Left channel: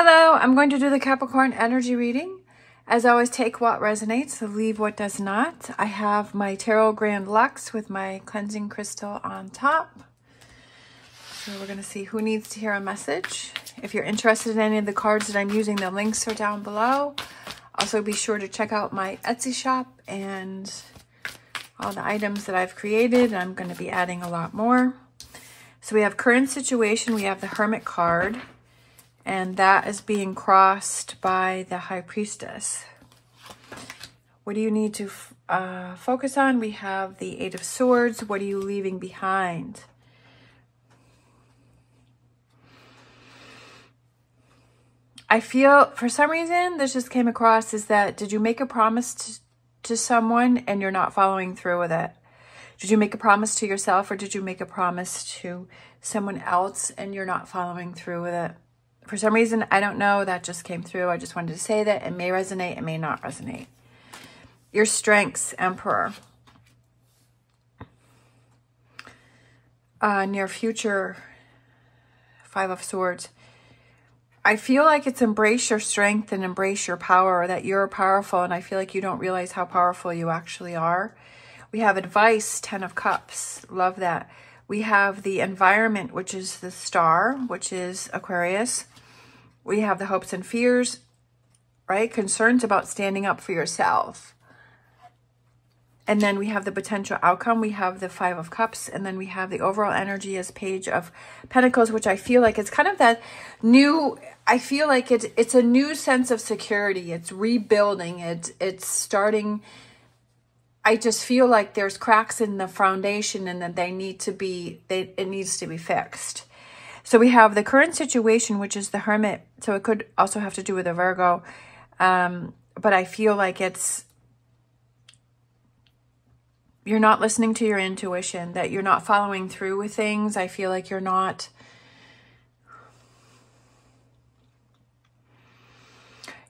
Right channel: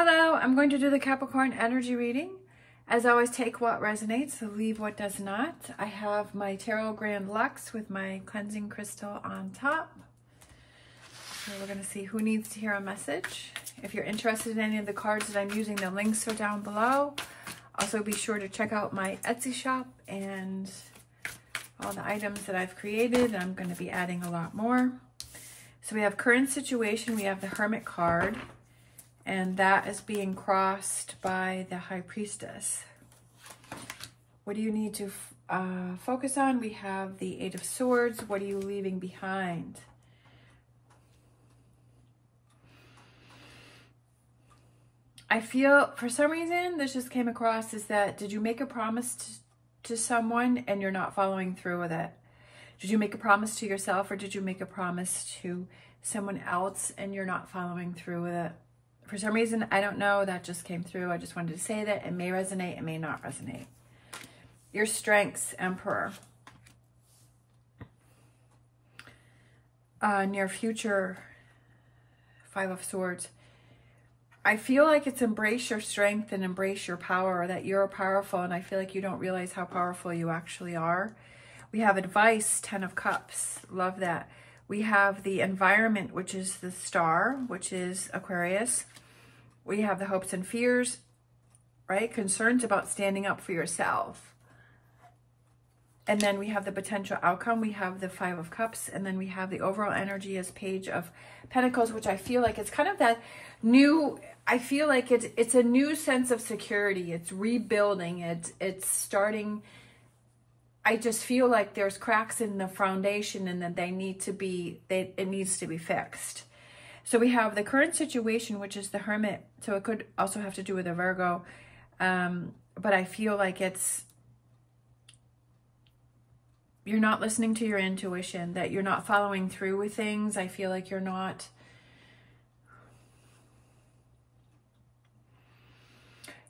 Hello, I'm going to do the Capricorn energy reading. As always, take what resonates, leave what does not. I have my Tarot Grand Luxe with my cleansing crystal on top. So we're going to see who needs to hear a message. If you're interested in any of the cards that I'm using, the links are down below. Also, be sure to check out my Etsy shop and all the items that I've created. I'm going to be adding a lot more. So we have current situation. We have the Hermit card. And that is being crossed by the High Priestess. What do you need to focus on? We have the Eight of Swords. What are you leaving behind? I feel, for some reason, this just came across is that, did you make a promise to someone and you're not following through with it? Did you make a promise to yourself, or did you make a promise to someone else and you're not following through with it? For some reason, I don't know, that just came through. I just wanted to say that. It may resonate, it may not resonate. Your strengths, Emperor. Near future, Five of Swords. I feel like it's embrace your strength and embrace your power, that you're powerful, and I feel like you don't realize how powerful you actually are. We have advice, Ten of Cups. Love that. We have the environment, which is the Star, which is Aquarius. We have the hopes and fears, right? Concerns about standing up for yourself. And then we have the potential outcome. We have the Five of Cups. And then we have the overall energy as Page of Pentacles, which I feel like it's kind of that new, I feel like it's a new sense of security. It's rebuilding. It's starting. I just feel like there's cracks in the foundation and that they need to be, it needs to be fixed. So we have the current situation, which is the Hermit. So it could also have to do with a Virgo. But I feel like you're not listening to your intuition, that you're not following through with things. I feel like you're not,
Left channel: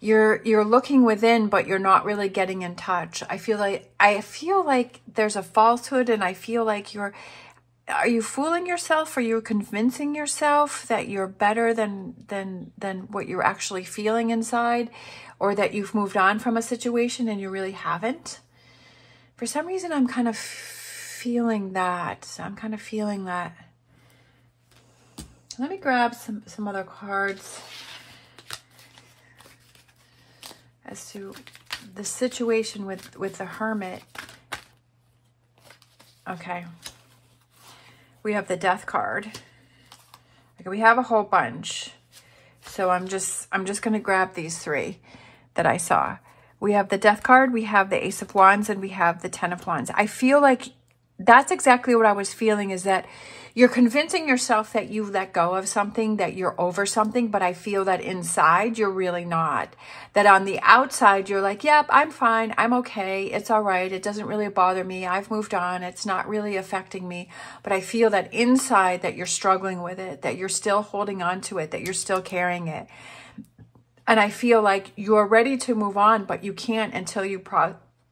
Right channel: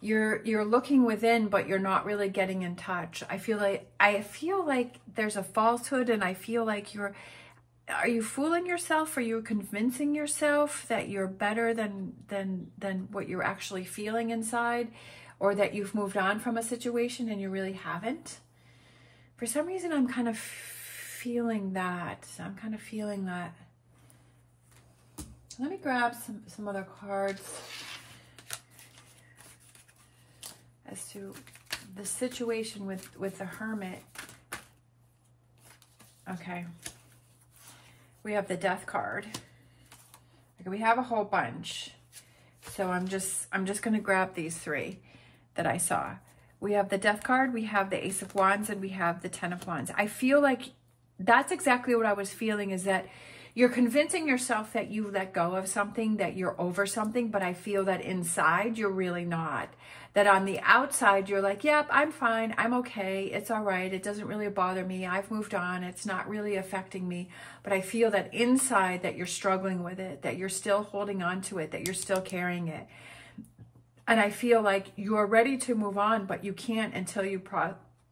you're looking within, but you're not really getting in touch. I feel like there's a falsehood, and I feel like are you fooling yourself? Are you convincing yourself that you're better than what you're actually feeling inside, or that you've moved on from a situation and you really haven't? For some reason, I'm kind of feeling that. Let me grab some other cards as to the situation with the Hermit. Okay. We have the Death card. Okay, we have a whole bunch. So I'm just going to grab these three that I saw. We have the Death card, we have the Ace of Wands, and we have the Ten of Wands. I feel like that's exactly what I was feeling, is that you're convincing yourself that you let go of something, that you're over something, but I feel that inside you're really not. That on the outside you're like, yep, I'm fine, I'm okay, it's all right, it doesn't really bother me, I've moved on, it's not really affecting me. But I feel that inside that you're struggling with it, that you're still holding on to it, that you're still carrying it. And I feel like you're ready to move on, but you can't until you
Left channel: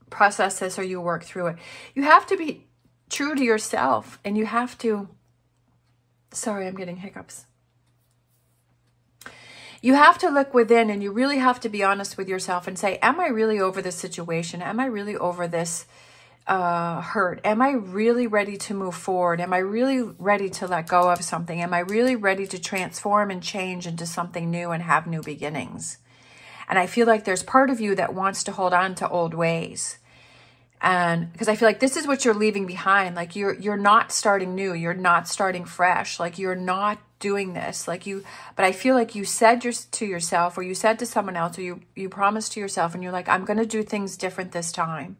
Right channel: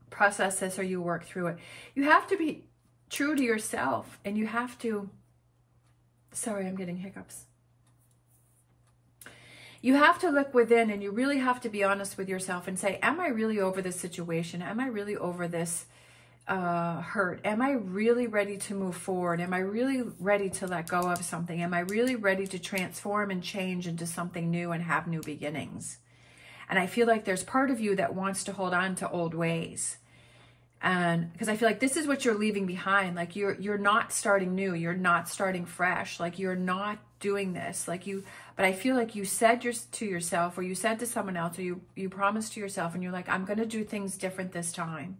process this or you work through it. You have to be true to yourself, and you have to, sorry, I'm getting hiccups. You have to look within, and you really have to be honest with yourself and say, am I really over this situation? Am I really over this hurt? Am I really ready to move forward? Am I really ready to let go of something? Am I really ready to transform and change into something new and have new beginnings? And I feel like there's part of you that wants to hold on to old ways. And because I feel like this is what you're leaving behind. Like you're not starting new. You're not starting fresh. Like you're not doing this. But I feel like you said to yourself, or you said to someone else, or you promised to yourself, and you're like, I'm going to do things different this time.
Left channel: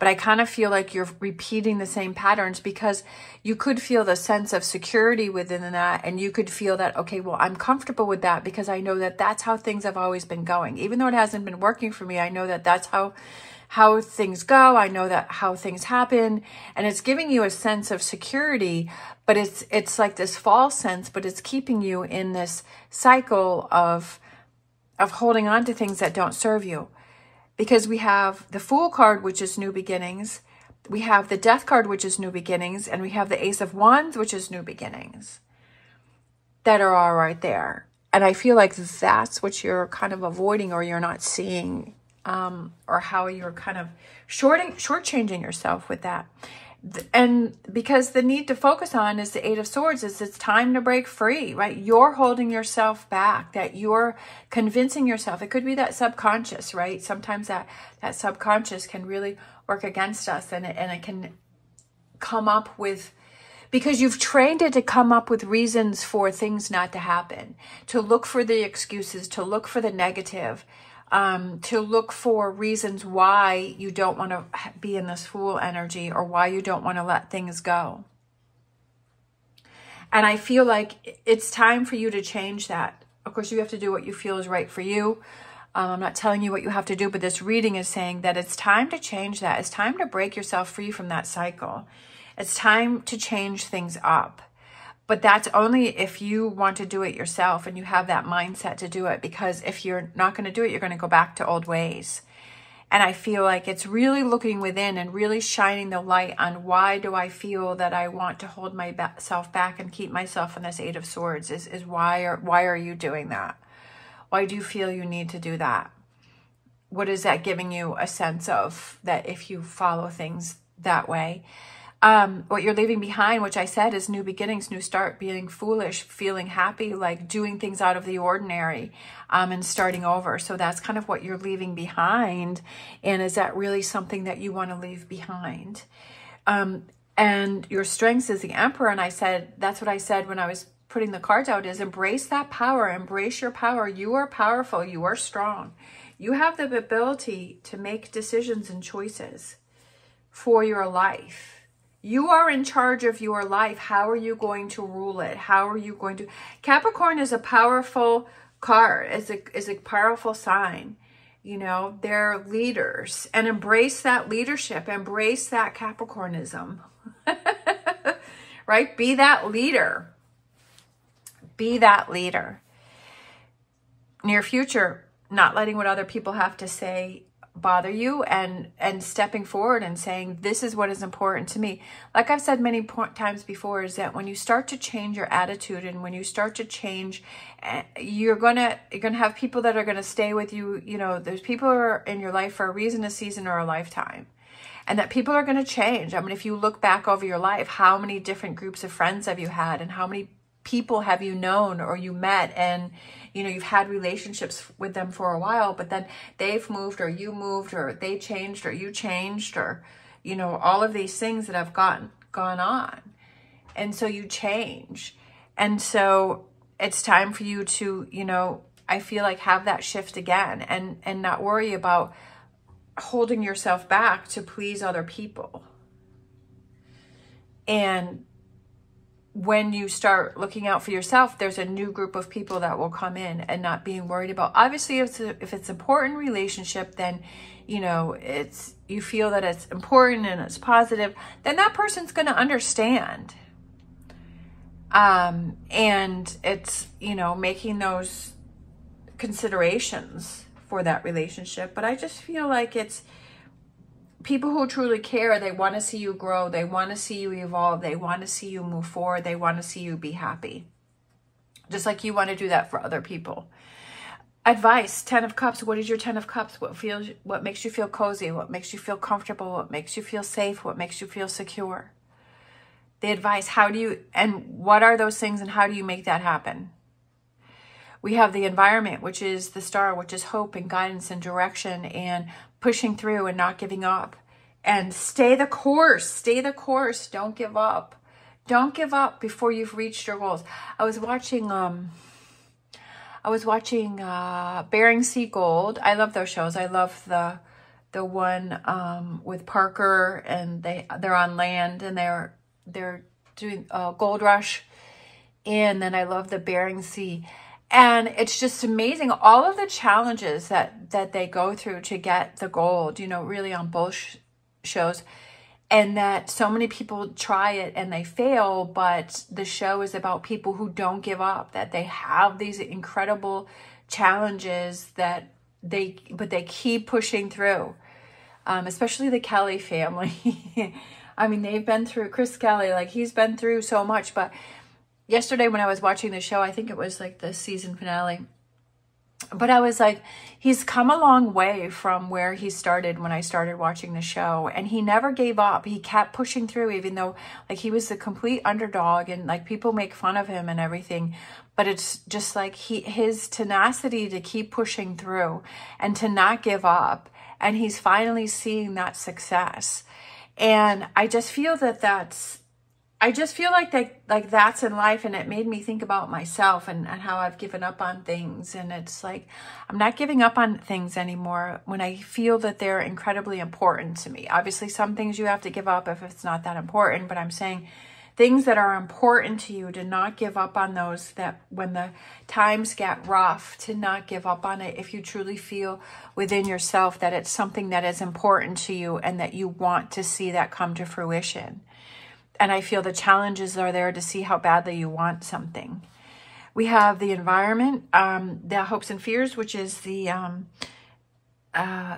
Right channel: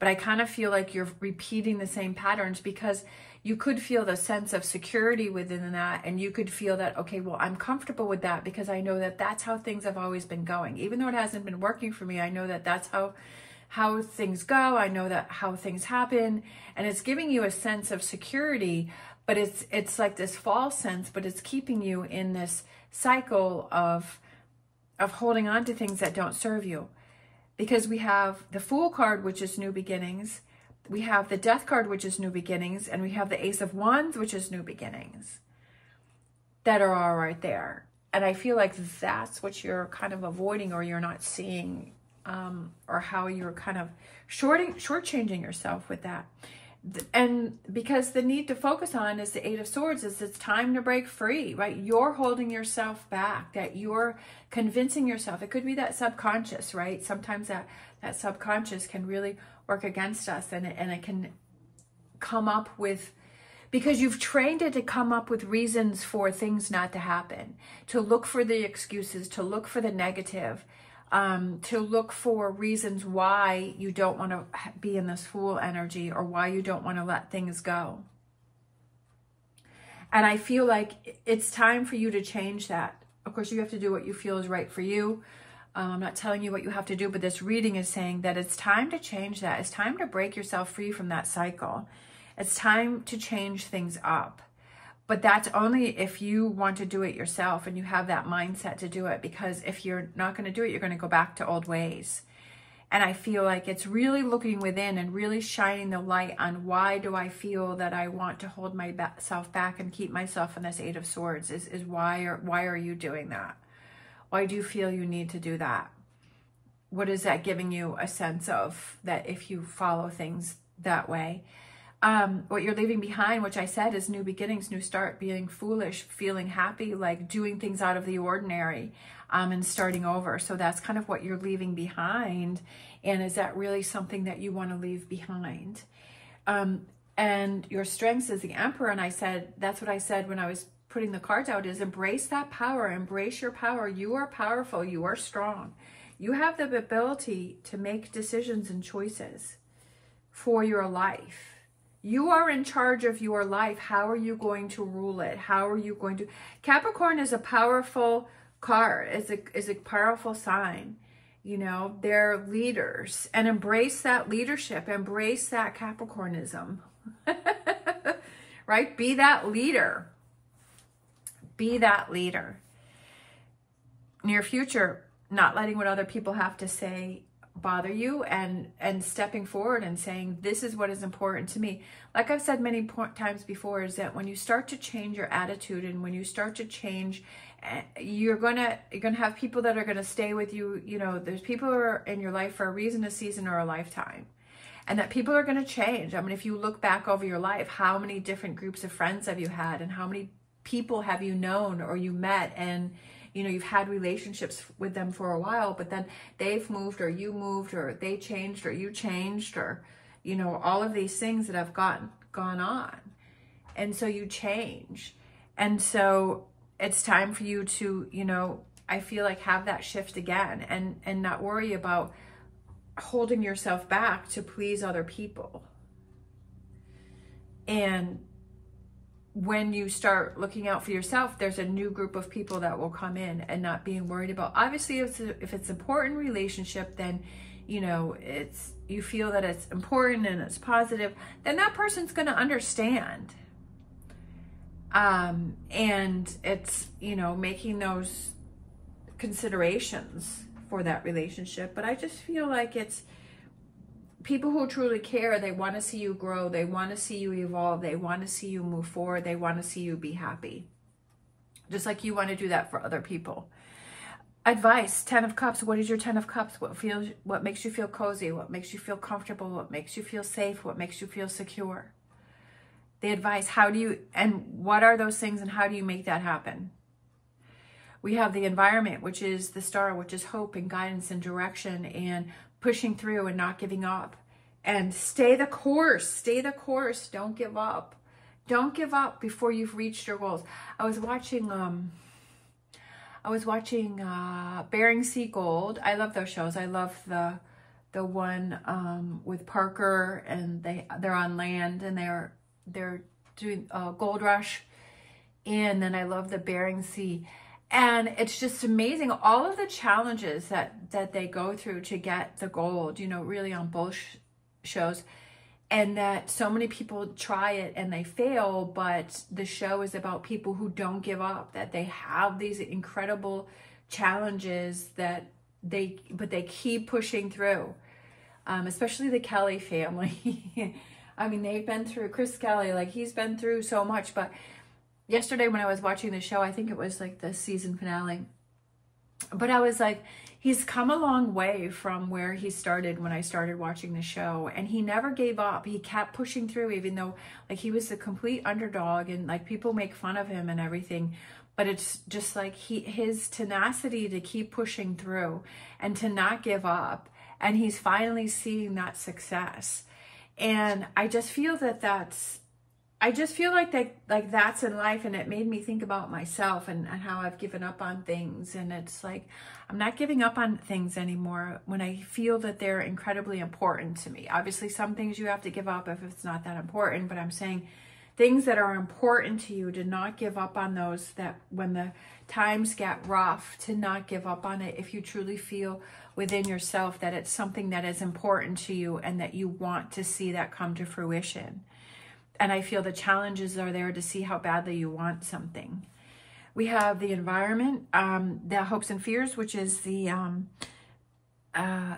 But I kind of feel like you're repeating the same patterns, because you could feel the sense of security within that. And you could feel that, okay, well, I'm comfortable with that because I know that that's how things have always been going. Even though it hasn't been working for me, I know that that's how things go. I know that how things happen. And it's giving you a sense of security, but it's like this false sense, but it's keeping you in this cycle of holding on to things that don't serve you. Because we have the Fool card, which is new beginnings. We have the Death card, which is new beginnings. And we have the Ace of Wands, which is new beginnings. That are all right there. And I feel like that's what you're kind of avoiding, or you're not seeing, or how you're kind of shortchanging yourself with that. And because the need to focus on is the Eight of Swords, is it's time to break free, right? You're holding yourself back, that you're convincing yourself. It could be that subconscious, right? Sometimes that subconscious can really work against us, and it can come up with, because you've trained it to come up with reasons for things not to happen, to look for the excuses, to look for the negative, to look for reasons why you don't want to be in this Fool energy, or why you don't want to let things go. And I feel like it's time for you to change that. Of course, you have to do what you feel is right for you. I'm not telling you what you have to do, but this reading is saying that it's time to change that. It's time to break yourself free from that cycle. It's time to change things up. But that's only if you want to do it yourself and you have that mindset to do it. Because if you're not going to do it, you're going to go back to old ways. And I feel like it's really looking within and really shining the light on, why do I feel that I want to hold myself back and keep myself in this Eight of Swords? Is why are you doing that? Why do you feel you need to do that? What is that giving you a sense of, that if you follow things that way? What you're leaving behind, which I said, is new beginnings, new start, being foolish, feeling happy, like doing things out of the ordinary, and starting over. So that's kind of what you're leaving behind. And is that really something that you want to leave behind? And your strengths is the Emperor. And I said, that's what I said when I was putting the cards out, is embrace that power, embrace your power. You are powerful. You are strong. You have the ability to make decisions and choices for your life. You are in charge of your life. How are you going to rule it? How are you going to... Capricorn is a powerful card, is a powerful sign. You know, they're leaders. And embrace that leadership. Embrace that Capricornism. Right? Be that leader. Be that leader. Near future, not letting what other people have to say bother you, and stepping forward and saying, this is what is important to me. Like I've said many times before, is that when you start to change your attitude, and when you start to change, you're gonna have people that are gonna stay with you. You know, there's people who are in your life for a reason, a season, or a lifetime, and that people are gonna change. I mean, if you look back over your life, how many different groups of friends have you had, and how many people have you known or you met, and you know, you've had relationships with them for a while, but then they've moved, or you moved, or they changed, or you changed, or, you know, all of these things that have gone on. And so you change. And so it's time for you to, you know, I feel like have that shift again, and not worry about holding yourself back to please other people. And when you start looking out for yourself, there's a new group of people that will come in, and not being worried about. Obviously, if it's an important relationship, then, you know, you feel that it's important and it's positive, then that person's going to understand. And it's, you know, making those considerations for that relationship. But I just feel like it's people who truly care. They want to see you grow. They want to see you evolve. They want to see you move forward. They want to see you be happy. Just like you want to do that for other people. Advice, 10 of Cups. What is your 10 of Cups? What makes you feel cozy? What makes you feel comfortable? What makes you feel safe? What makes you feel secure? The advice, what are those things, and how do you make that happen? We have the environment, which is the Star, which is hope and guidance and direction, and pushing through and not giving up, and stay the course. Stay the course. Don't give up. Don't give up before you've reached your goals. I was watching Bering Sea Gold. I love those shows. I love the one with Parker, and they're on land, and they're doing Gold Rush. And then I love the Bering Sea. And it's just amazing, all of the challenges that they go through to get the gold, you know, really on both shows. And that so many people try it and they fail, but the show is about people who don't give up, that they have these incredible challenges but they keep pushing through. Especially the Kelly family. I mean, they've been through, Chris Kelly, like he's been through so much, but yesterday when I was watching the show, I think it was like the season finale, but I was like, he's come a long way from where he started when I started watching the show, and he never gave up. He kept pushing through, even though like he was the complete underdog and like people make fun of him and everything. But it's just like his tenacity to keep pushing through and to not give up. And he's finally seeing that success. And I just feel that I just feel like that's in life. And it made me think about myself and how I've given up on things. And it's like, I'm not giving up on things anymore when I feel that they're incredibly important to me. Obviously, some things you have to give up if it's not that important, but I'm saying things that are important to you, to not give up on those, that when the times get rough, to not give up on it if you truly feel within yourself that it's something that is important to you and that you want to see that come to fruition. And I feel the challenges are there to see how badly you want something. We have the environment, the hopes and fears, which is the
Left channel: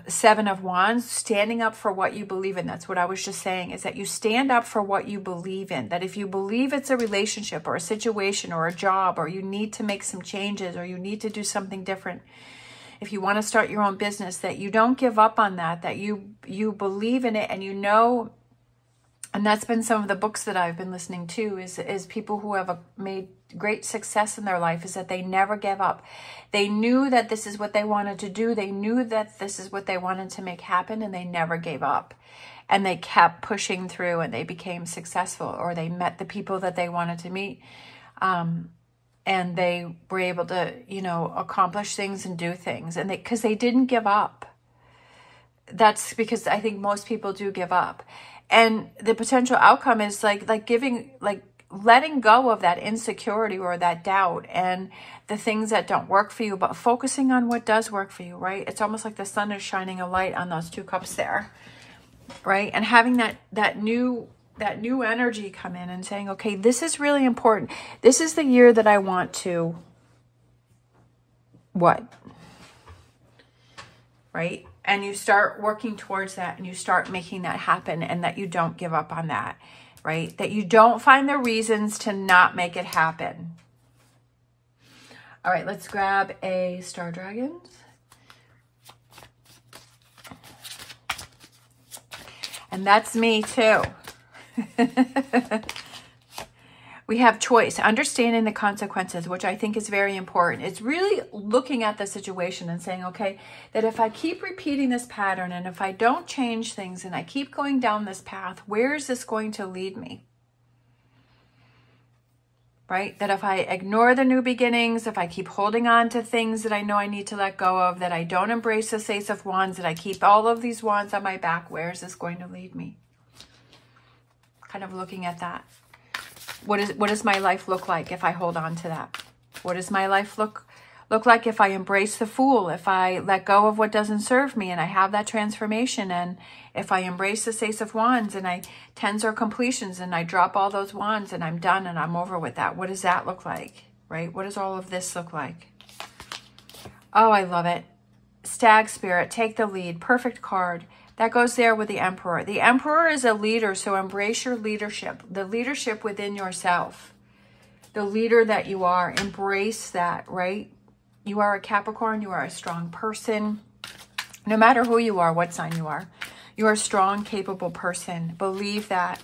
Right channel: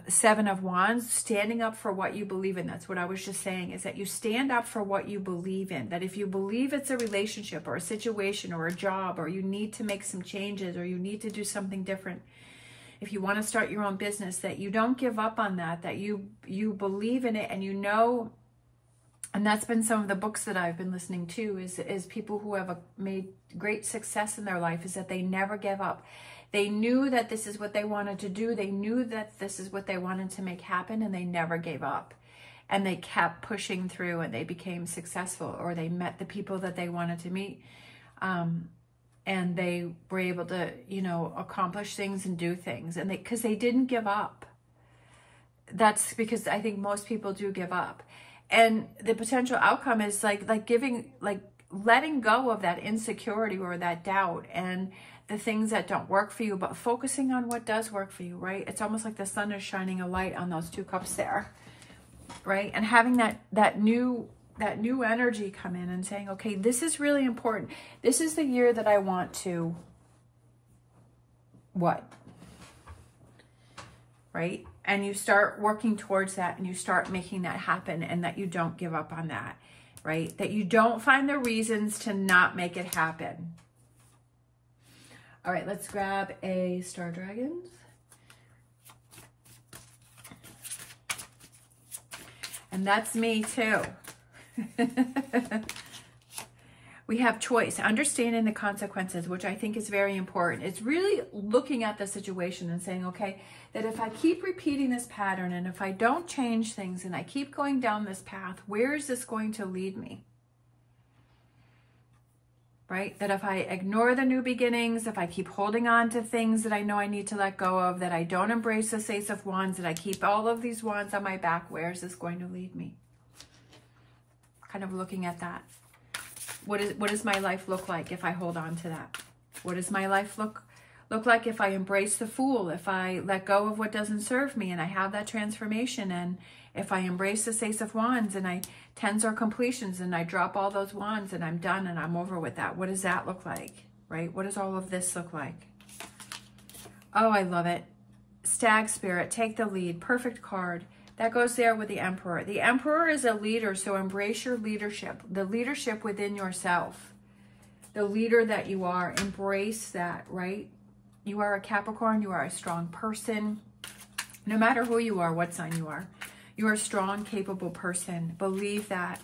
Seven of Wands, standing up for what you believe in. That's what I was just saying, is that you stand up for what you believe in. That if you believe it's a relationship or a situation or a job, or you need to make some changes, or you need to do something different, if you want to start your own business, that you don't give up on that, that you believe in it, and you know. And that's been some of the books that I've been listening to, is people who have made great success in their life, is that they never gave up. They knew that this is what they wanted to do. They knew that this is what they wanted to make happen, and they never gave up. And they kept pushing through, and they became successful, or they met the people that they wanted to meet. And they were able to, you know, accomplish things and do things. And because they didn't give up. That's because I think most people do give up. And the potential outcome is like letting go of that insecurity or that doubt and the things that don't work for you, but focusing on what does work for you, right? It's almost like the sun is shining a light on those two cups there, right? And having that new energy come in and saying, okay, this is really important. This is the year that I want to what? Right? And you start working towards that, and you start making that happen, and that you don't give up on that, right? That you don't find the reasons to not make it happen. All right, let's grab a Star Dragons. And that's me too. We have choice, understanding the consequences, which I think is very important. It's really looking at the situation and saying, okay, that if I keep repeating this pattern, and if I don't change things, and I keep going down this path, where is this going to lead me? Right? That if I ignore the new beginnings, if I keep holding on to things that I know I need to let go of, that I don't embrace the Ace of Wands, that I keep all of these wands on my back, where is this going to lead me? Kind of looking at that. What does my life look like if I hold on to that? What does my life look like if I embrace the Fool, if I let go of what doesn't serve me and I have that transformation, and if I embrace the Ace of Wands and I tens or completions and I drop all those wands and I'm done and I'm over with that? What does that look like, right? What does all of this look like? Oh, I love it. Stag Spirit, take the lead. Perfect card. That goes there with the Emperor. The Emperor is a leader, so embrace your leadership, the leadership within yourself, the leader that you are. Embrace that, right? You are a Capricorn. You are a strong person. No matter who you are, what sign you are a strong, capable person. Believe that.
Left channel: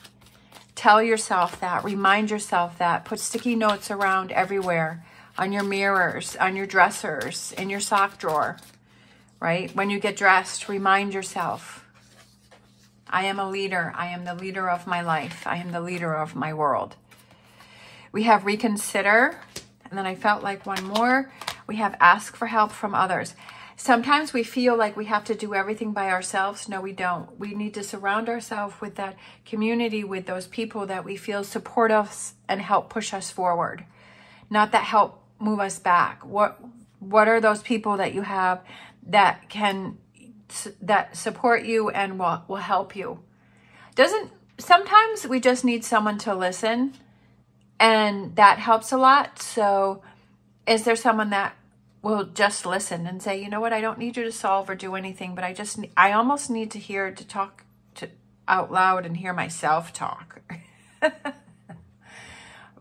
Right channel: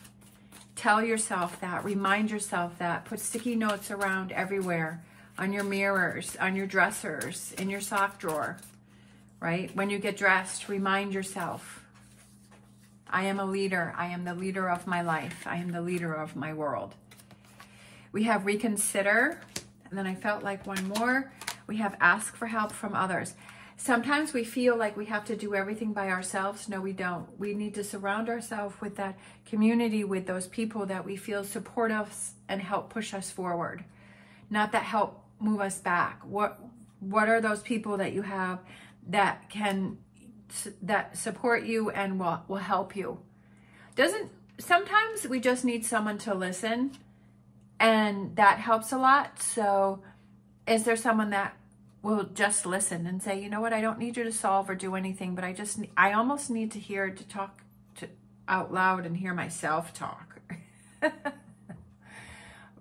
Tell yourself that. Remind yourself that. Put sticky notes around everywhere, on your mirrors, on your dressers, in your sock drawer, right? When you get dressed, remind yourself, I am a leader. I am the leader of my life. I am the leader of my world. We have reconsider. And then I felt like one more. We have ask for help from others. Sometimes we feel like we have to do everything by ourselves. No, we don't. We need to surround ourselves with that community, with those people that we feel support us and help push us forward. Not that help move us back. What are those people that you have that support you and will help you? Sometimes we just need someone to listen, and that helps a lot. So is there someone that will just listen and say, you know what, I don't need you to solve or do anything, but I almost need to talk out loud and hear myself talk.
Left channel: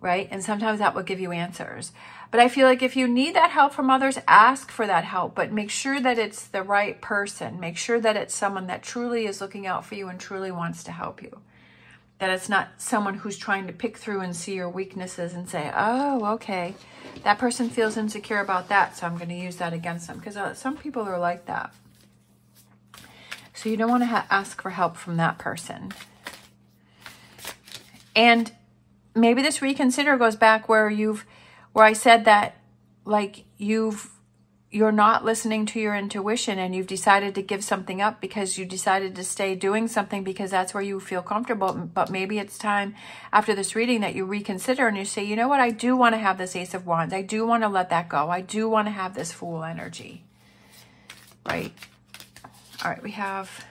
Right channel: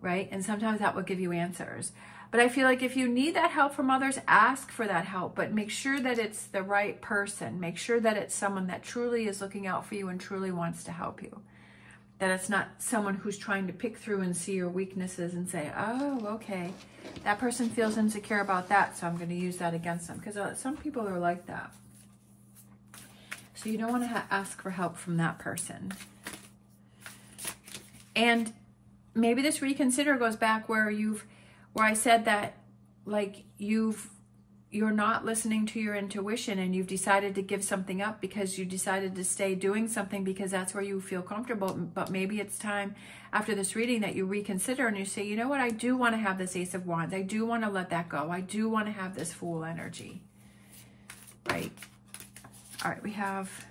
right? And sometimes that will give you answers. But I feel like if you need that help from others, ask for that help, but make sure that it's the right person. Make sure that it's someone that truly is looking out for you and truly wants to help you. That it's not someone who's trying to pick through and see your weaknesses and say, oh, okay, that person feels insecure about that, so I'm going to use that against them. Because some people are like that. So you don't want to ask for help from that person. And maybe this reconsider goes back where I said that, like, you're not listening to your intuition and you've decided to give something up because you decided to stay doing something because that's where you feel comfortable. But maybe it's time after this reading that you reconsider and you say, you know what, I do want to have this Ace of Wands. I do want to let that go. I do want to have this Fool energy, right? All right, we have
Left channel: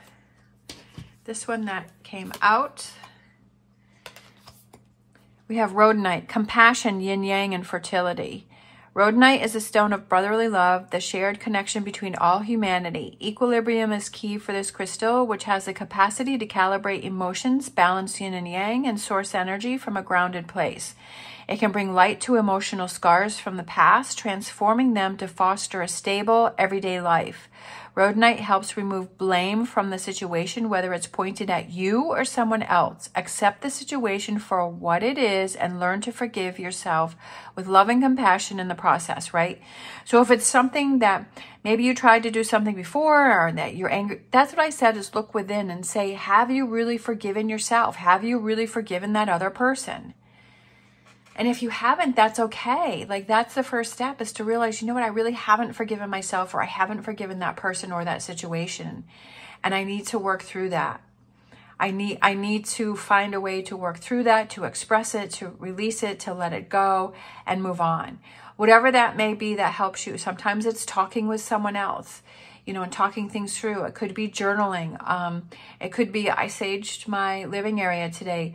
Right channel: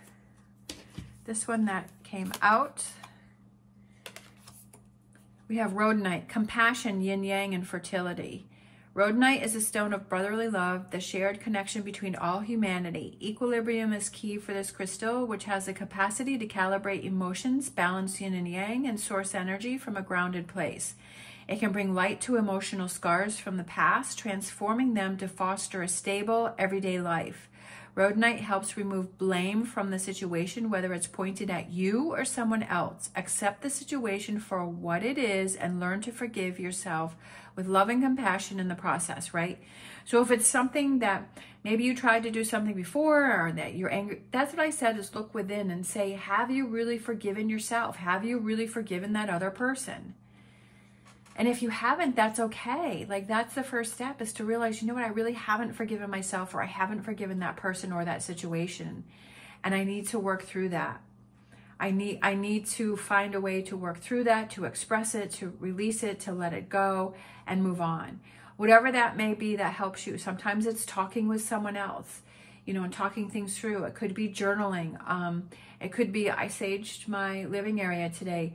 this one that came out. We have Rhodonite, compassion, yin-yang, and fertility. Rhodonite is a stone of brotherly love, the shared connection between all humanity. Equilibrium is key for this crystal, which has the capacity to calibrate emotions, balance yin and yang, and source energy from a grounded place. It can bring light to emotional scars from the past, transforming them to foster a stable, everyday life. Rhodonite helps remove blame from the situation, whether it's pointed at you or someone else. Accept the situation for what it is and learn to forgive yourself with love and compassion in the process, right? So if it's something that maybe you tried to do something before or that you're angry, that's what I said, is look within and say, have you really forgiven yourself? Have you really forgiven that other person? And if you haven't, that's okay. Like, that's the first step, is to realize, you know what, I really haven't forgiven myself, or I haven't forgiven that person or that situation. And I need to work through that. I need to find a way to work through that, to express it, to release it, to let it go and move on. Whatever that may be that helps you. Sometimes it's talking with someone else, you know, and talking things through. It could be journaling. It could be, I saged my living area today.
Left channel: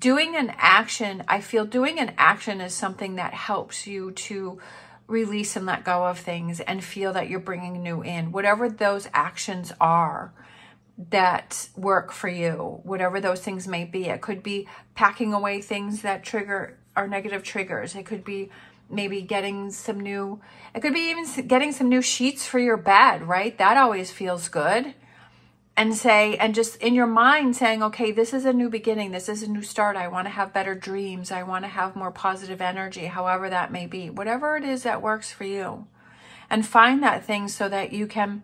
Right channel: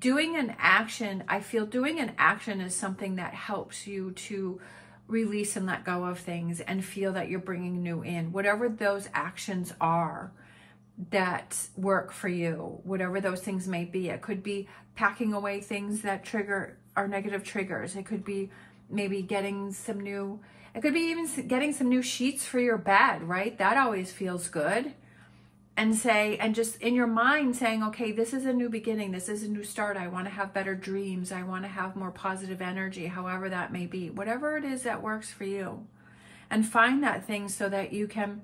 Doing an action, I feel doing an action is something that helps you to release and let go of things and feel that you're bringing new in. Whatever those actions are that work for you, whatever those things may be. It could be packing away things that are negative triggers. It could be maybe getting some new, it could be even getting some new sheets for your bed, right? That always feels good. And just in your mind saying, okay, this is a new beginning. This is a new start. I want to have better dreams. I want to have more positive energy, however that may be. Whatever it is that works for you. And find that thing so that you can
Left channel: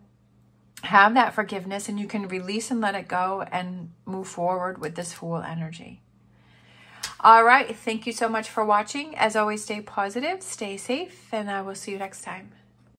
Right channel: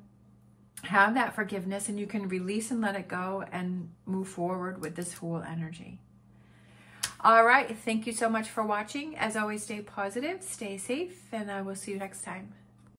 have that forgiveness and you can release and let it go and move forward with this Fool energy. All right. Thank you so much for watching. As always, stay positive, stay safe, and I will see you next time.